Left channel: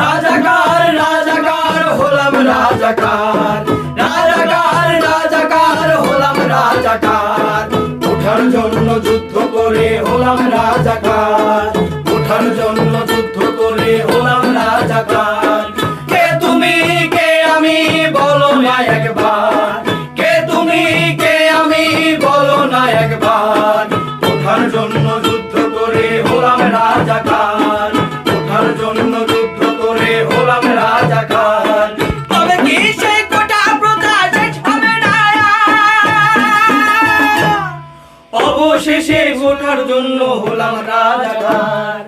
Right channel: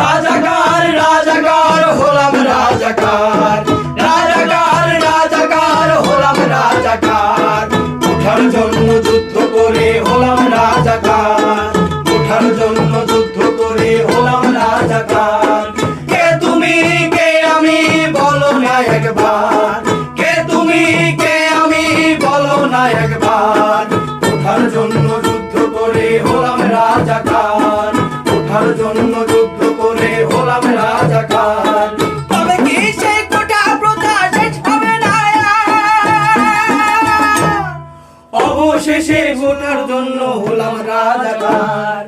রাজাকার রাজাকার হলাম রাজাকার, রাজাকার রাজাকার হলাম রাজাকার, ওঠার জন্য যুদ্ধ করে হলাম রাজাকার, ওঠার জন্য যুদ্ধ করে হলাম রাজাকার। কে তুমি কে আমি বলো না একবার, কে তুমি কে আমি বলো না একবার, ওঠার জন্য যুদ্ধ করে হলাম রাজাকার, ওঠার জন্য যুদ্ধ করে হলাম রাজাকার। তবে কি সেই কোটা প্রথা শেষ হবে না? অবশেষে ওঠার জন্য হলাম রাজাকার,